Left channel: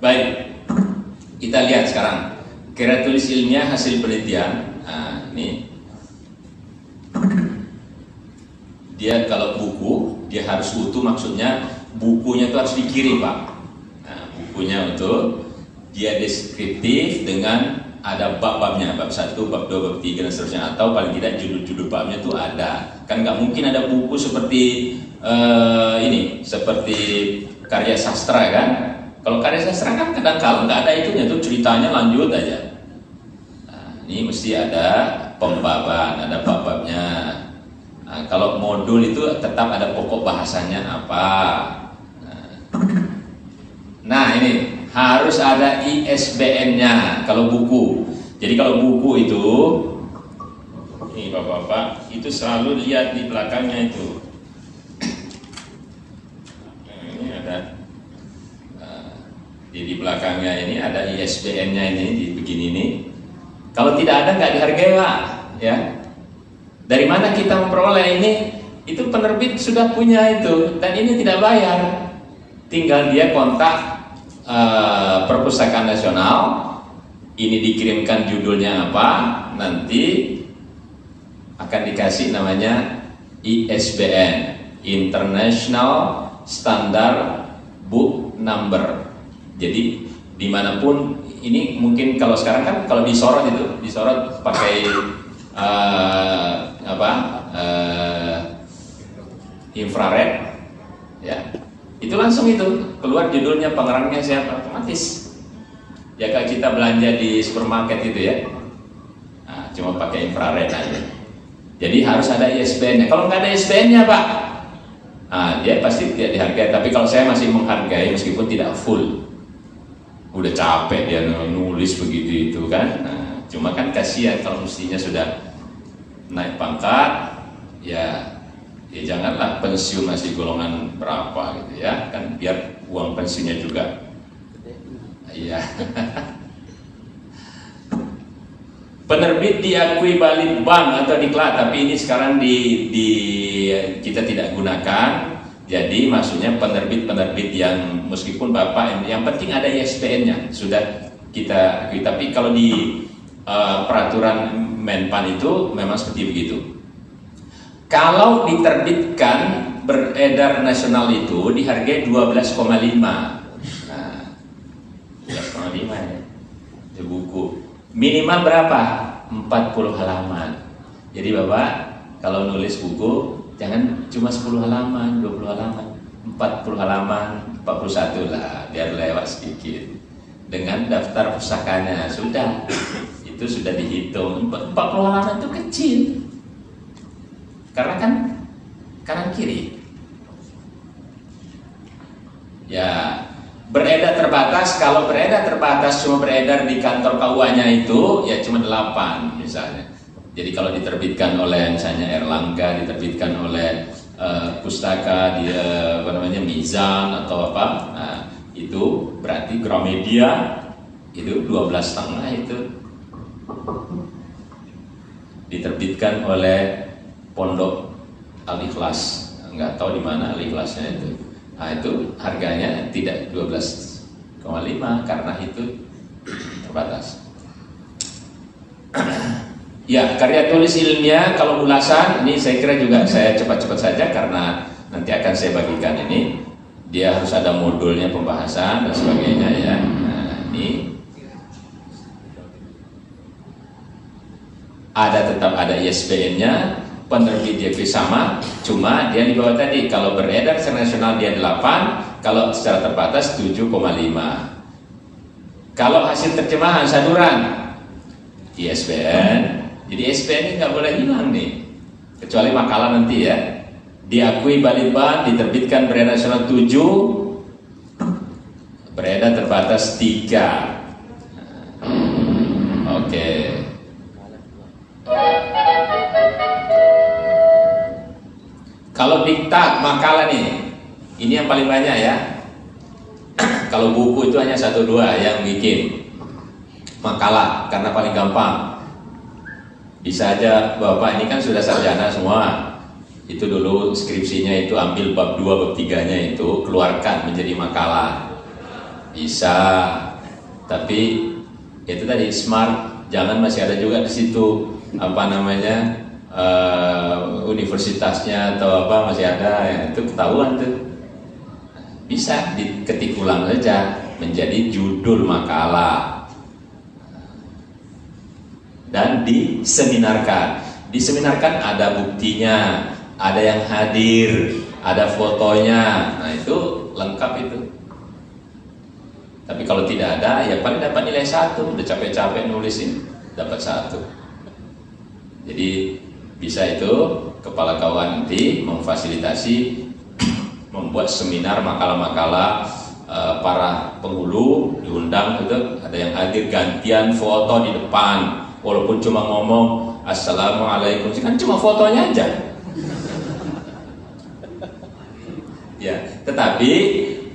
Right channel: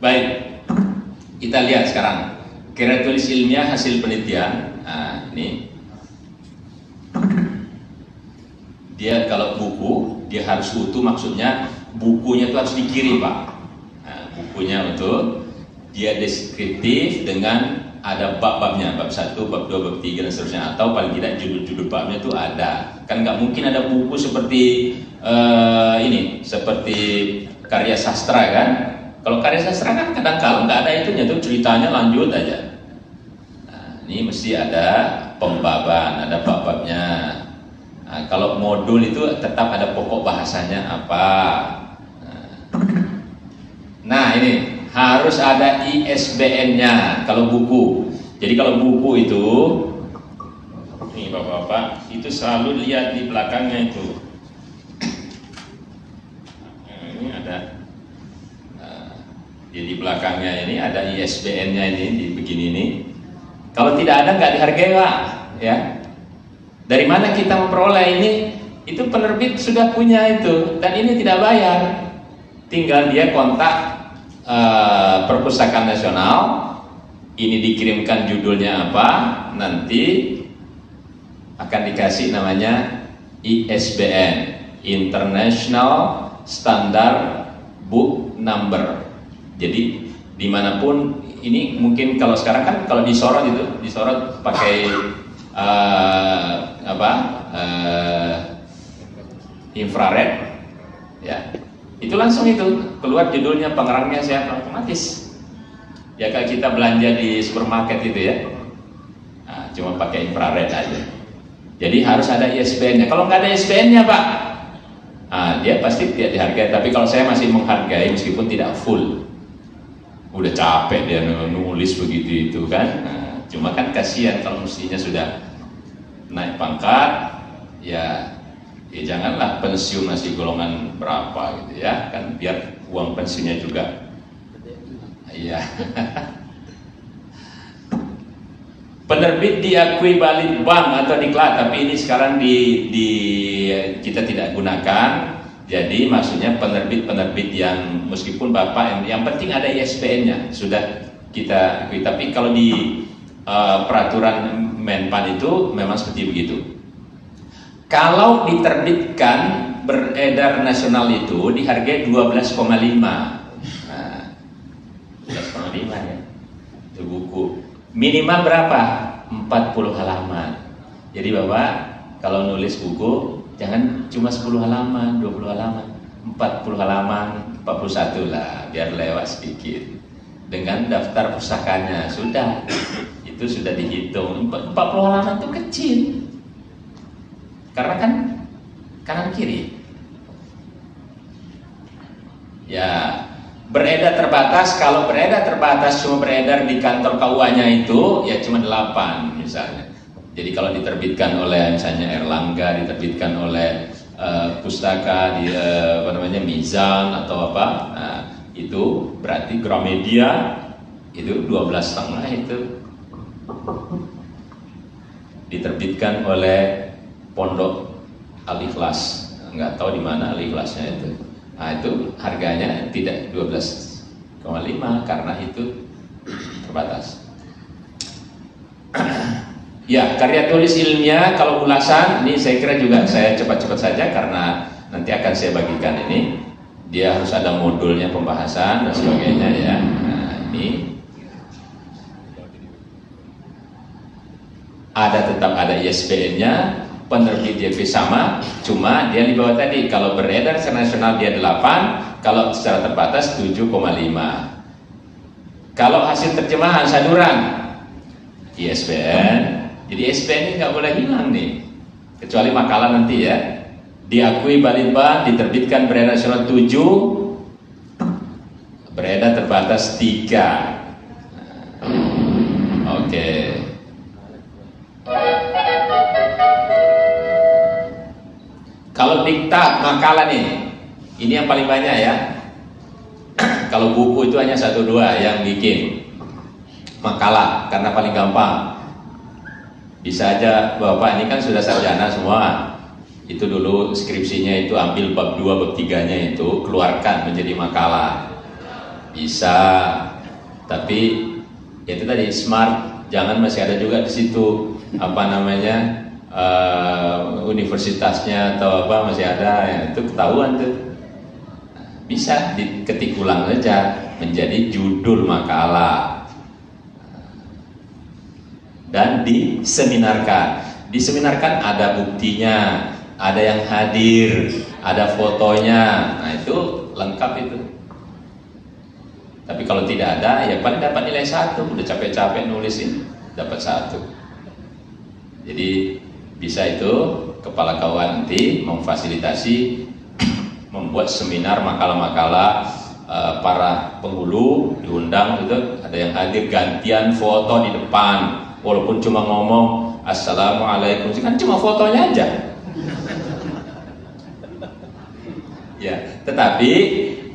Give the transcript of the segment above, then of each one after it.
Baik, kita lihat sekarang karya tulis ilmiah hasil penelitian. Nah, ini dia kalau buku dia harus utuh, maksudnya bukunya itu harus dikirim, Pak. Nah, bukunya utuh, dia deskriptif dengan ada bab-babnya, bab 1, bab 2, bab 3 dan seterusnya, atau paling tidak judul-judul babnya itu ada. Kan nggak mungkin ada buku seperti ini, seperti karya sastra kan. Kalau karya sastra kan kadang-kadang nggak ada itunya, tuh ceritanya lanjut aja. Nah, ini mesti ada pembaban, ada bab-babnya. Nah, kalau modul itu tetap ada pokok bahasanya apa. Nah ini harus ada ISBN-nya kalau buku. Jadi kalau buku itu, ini bapak-bapak, itu selalu lihat di belakangnya itu. Nah, ini ada, jadi di belakangnya ini ada ISBN-nya ini, di begini ini. Kalau tidak ada nggak dihargai, Pak. Ya. Dari mana kita memperoleh ini? Itu penerbit sudah punya itu, dan ini tidak bayar. Tinggal dia kontak Perpustakaan Nasional, ini dikirimkan judulnya apa, nanti akan dikasih namanya ISBN, International Standard Book Number. Jadi dimanapun ini, mungkin kalau sekarang kan kalau disorot itu disorot pakai infrared, ya. Itu langsung itu keluar judulnya, pengarangnya siapa, otomatis. Ya kalau kita belanja di supermarket itu ya, nah, cuma pakai infrared aja. Jadi harus ada ISBN-nya. Kalau nggak ada ISBN-nya, Pak, dia pasti tidak dihargai. Tapi kalau saya masih menghargai meskipun tidak full. Udah capek dia nulis begitu itu kan. Nah, cuma kan kasihan kalau mestinya sudah naik pangkat, ya janganlah pensiun masih golongan berapa gitu ya, kan biar uang pensiunnya juga. Iya. Penerbit diakui Balitbank atau diklat, tapi ini sekarang kita tidak gunakan. Jadi maksudnya penerbit yang meskipun Bapak yang penting ada ISBN-nya sudah kita akui. Tapi kalau di peraturan Menpan itu memang seperti begitu. Kalau diterbitkan beredar nasional itu dihargai 12,5. Nah, 12,5 ya. Itu buku. Minimal berapa? 40 halaman. Jadi Bapak kalau nulis buku jangan cuma 10 halaman, 20 halaman, 40 halaman, 41 lah, biar lewat sedikit. Dengan daftar pustakanya sudah. Itu sudah dihitung. 40 halaman itu kecil. Karena kan kanan kiri. Ya, beredar terbatas. Kalau beredar terbatas cuma beredar di kantor KUA-nya itu ya cuma 8 misalnya. Jadi kalau diterbitkan oleh misalnya Erlangga, diterbitkan oleh pustaka di Mizan atau apa, nah, itu berarti Gramedia itu 12,5 itu diterbitkan oleh Pondok Al-Ikhlas, nggak tahu di mana Al-Ikhlasnya itu. Nah, itu harganya tidak 12,5 karena itu terbatas. Ya, karya tulis ilmiah kalau ulasan ini saya kira juga saya cepat-cepat saja karena nanti akan saya bagikan ini. Dia harus ada modulnya, pembahasan dan sebagainya ya. Nah, ini tetap ada ISBN-nya. Penerbit dia sama, cuma dia di bawah tadi. Kalau beredar secara nasional dia 8, kalau secara terbatas 7,5. Kalau hasil terjemahan saduran ISBN, jadi ISBN ini nggak boleh hilang nih, kecuali makalah nanti ya. Diakui Balitbank, diterbitkan beredar nasional 7, beredar terbatas 3. Oke. Kalau diktat makalah nih, ini yang paling banyak ya. Kalau buku itu hanya 1-2 yang bikin makalah karena paling gampang. Bisa aja Bapak ini kan sudah sarjana semua. Itu dulu skripsinya itu ambil bab 2, bab 3-nya itu keluarkan menjadi makalah. Bisa, tapi itu tadi smart, jangan masih ada juga di situ apa namanya universitasnya atau apa masih ada, yang itu ketahuan tuh. Bisa diketik ulang saja menjadi judul makalah dan diseminarkan. Diseminarkan ada buktinya, ada yang hadir, ada fotonya, nah itu lengkap itu. Tapi kalau tidak ada, ya paling dapat nilai 1. Udah capek-capek nulisin, dapat 1. Jadi bisa itu kepala KUA nanti memfasilitasi membuat seminar makalah-makalah para penghulu diundang gitu, ada yang hadir, gantian foto di depan, walaupun cuma ngomong assalamualaikum, kan cuma fotonya aja. Ya, tetapi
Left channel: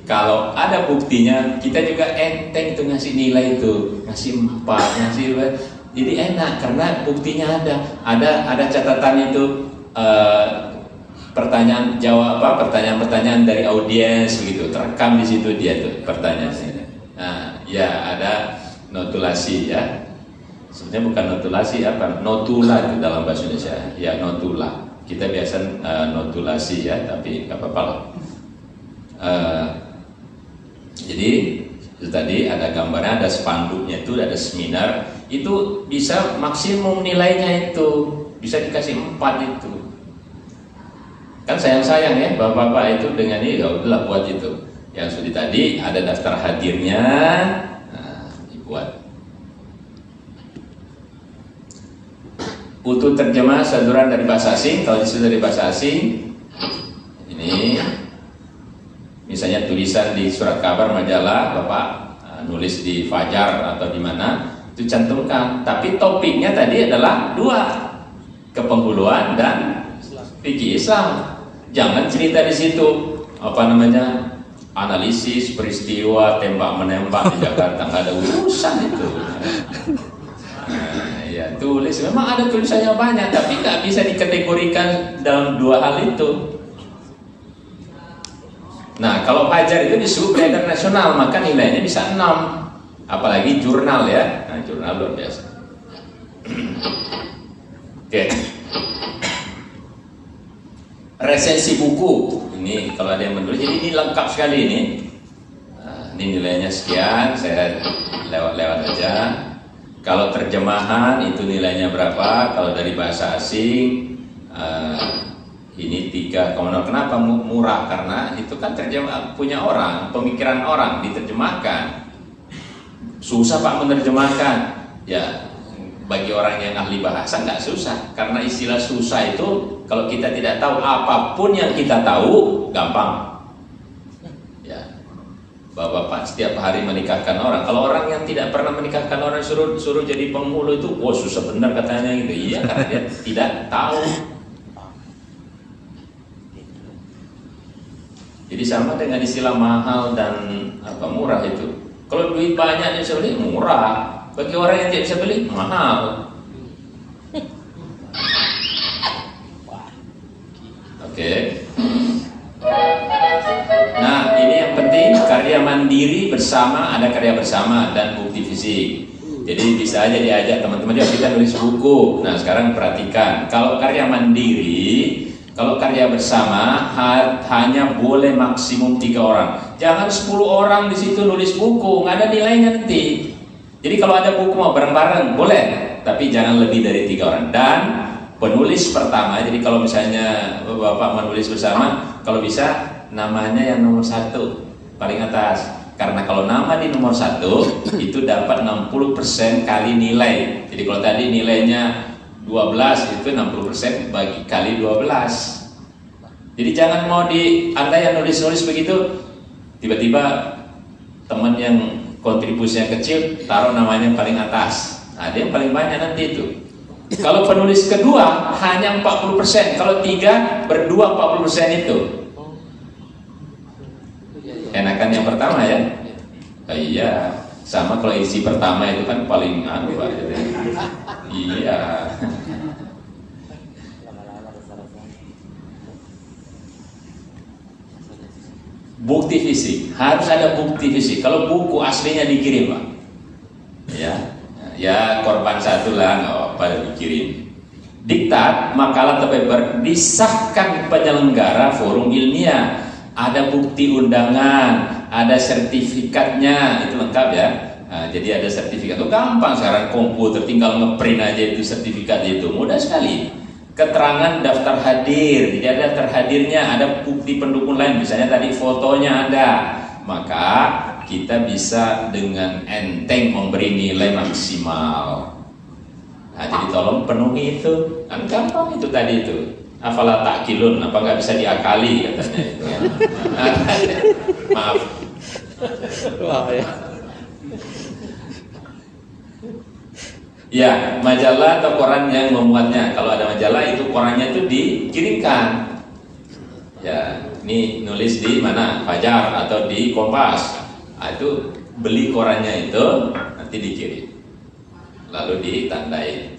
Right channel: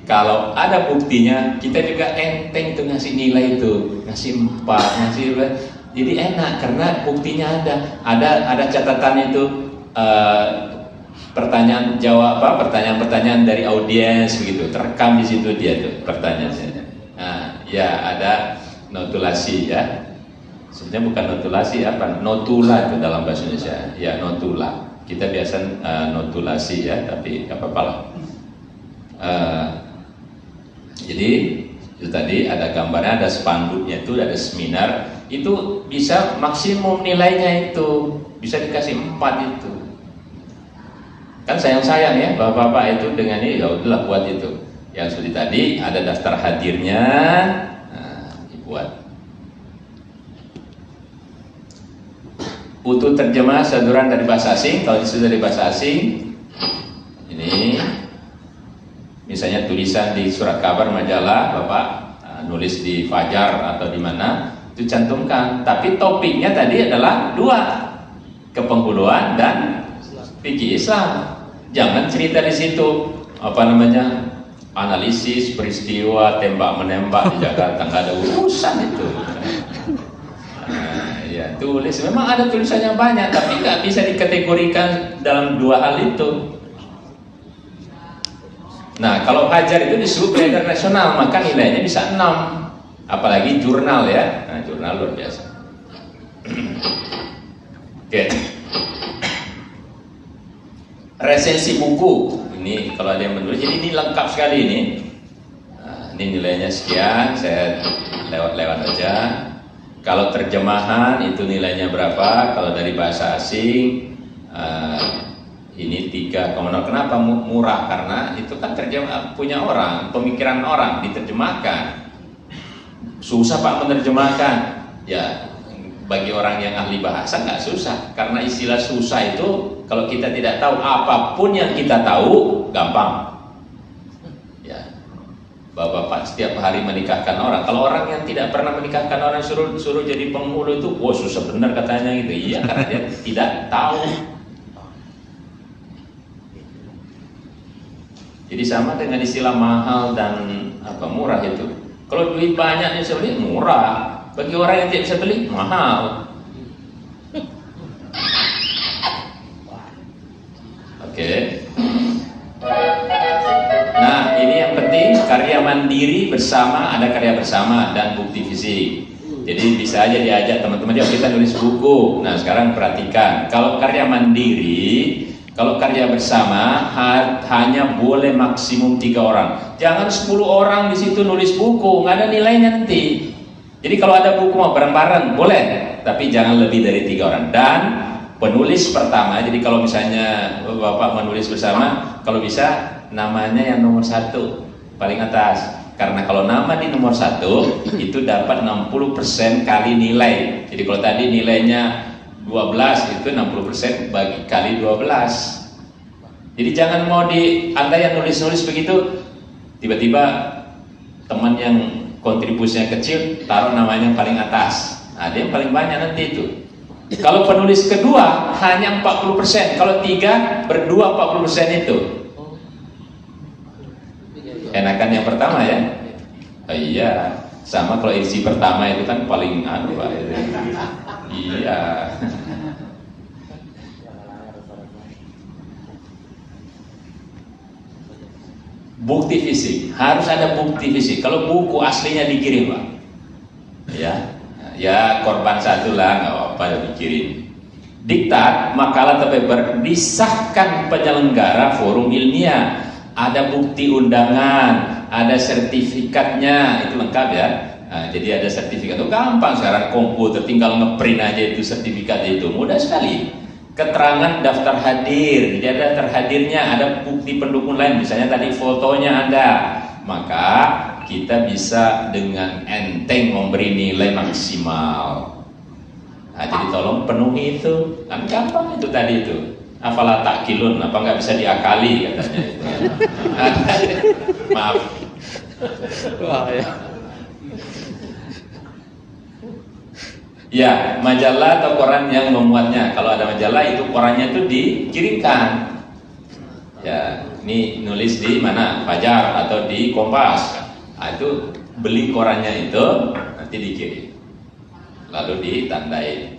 kalau ada buktinya, kita juga enteng tuh ngasih nilai itu, ngasih 4, ngasih, jadi enak karena buktinya ada catatan itu, pertanyaan jawab apa, pertanyaan dari audiens begitu, terekam di situ dia tuh pertanyaannya. Nah, ya ada notulasi ya, sebenarnya bukan notulasi apa, notula itu dalam bahasa Indonesia, ya notula. Kita biasa notulasi ya, tapi nggak apa-apa lah. Jadi itu tadi ada gambarnya, ada spanduknya itu, ada seminar, itu bisa maksimum nilainya itu bisa dikasih 4 itu. Kan sayang-sayang ya bapak-bapak itu dengan ini, ya udahlah buat itu. Yang seperti tadi ada daftar hadirnya, nah, dibuat. Utuh terjemah saduran dari bahasa asing, kalau disuruh dari bahasa asing, ini misalnya tulisan di surat kabar majalah, Bapak nulis di Fajar atau di mana, itu cantumkan. Tapi topiknya tadi adalah 2, kepenghuluan dan fikih Islam. Jangan cerita di situ apa namanya, analisis peristiwa tembak menembak di Jakarta, nggak ada urusan itu. Nah, ya tulis, memang ada tulisannya banyak, tapi nggak bisa dikategorikan dalam 2 hal itu. Nah, kalau Fajar itu disebut beredar nasional, maka nilainya bisa 6. Apalagi jurnal ya. Nah, jurnal luar biasa. Oke. Resensi buku. Ini kalau ada yang menulis, jadi ini lengkap sekali ini. Nah, ini nilainya sekian, saya lewat aja. Kalau terjemahan itu nilainya berapa? Kalau dari bahasa asing ini 3,0. Kenapa murah? Karena itu kan terjemah punya orang, pemikiran orang diterjemahkan. Susah Pak menerjemahkan. Ya, bagi orang yang ahli bahasa nggak susah. Karena istilah susah itu kalau kita tidak tahu, apapun yang kita tahu gampang. Ya, Bapak setiap hari menikahkan orang. Kalau orang yang tidak pernah menikahkan orang suruh jadi penghulu itu, wah susah benar katanya gitu. Iya, karena dia tidak tahu. Jadi sama dengan istilah mahal dan murah itu. Kalau duit banyak yang bisa beli murah, bagi orang yang tidak bisa beli mahal. Oke. Nah, ini yang penting, karya mandiri bersama, ada karya bersama dan bukti fisik. Jadi bisa aja diajak teman-teman, dia kita nulis buku. Nah, sekarang perhatikan, kalau karya mandiri, kalau karya bersama hanya boleh maksimum 3 orang. Jangan 10 orang di situ nulis buku, nggak ada nilainya nanti. Jadi kalau ada buku mau bareng-bareng boleh, tapi jangan lebih dari 3 orang. Dan penulis pertama, jadi kalau misalnya Bapak menulis bersama, kalau bisa namanya yang nomor 1 paling atas. Karena kalau nama di nomor 1 itu dapat 60% kali nilai. Jadi kalau tadi nilainya 12 itu 60% bagi kali 12. Jadi jangan mau Anda yang nulis-nulis begitu, tiba-tiba teman yang kontribusinya kecil taruh namanya paling atas. Nah, dia yang paling banyak nanti itu. Kalau penulis kedua hanya 40%, kalau 3 berdua 40% itu. Enakan yang pertama ya. Oh, iya, sama kalau isi pertama itu kan paling Pak. Iya. bukti fisik, harus ada bukti fisik. Kalau buku aslinya dikirim, Pak. Ya korban satu lah, nggak apa-apa dikirim. Diktat, makalah atau paper disahkan penyelenggara forum ilmiah. Ada bukti undangan, ada sertifikatnya, itu lengkap ya. Nah, jadi ada sertifikat itu gampang sekarang, komputer tinggal ngeprint aja itu sertifikat itu, mudah sekali. Keterangan daftar hadir, jadi ada terhadirnya, ada bukti pendukung lain, misalnya tadi fotonya ada, maka kita bisa dengan enteng memberi nilai maksimal. Nah, jadi tolong penuhi itu, kan gampang itu tadi itu. Apalah takkilun, apa nggak bisa diakali katanya itu. Maaf. Wah, ya. Ya, majalah atau koran yang memuatnya. Kalau ada majalah itu korannya itu dikirimkan. Ya, ini nulis di mana? Fajar atau di Kompas. Nah, itu beli korannya itu nanti dikirim. Lalu ditandai.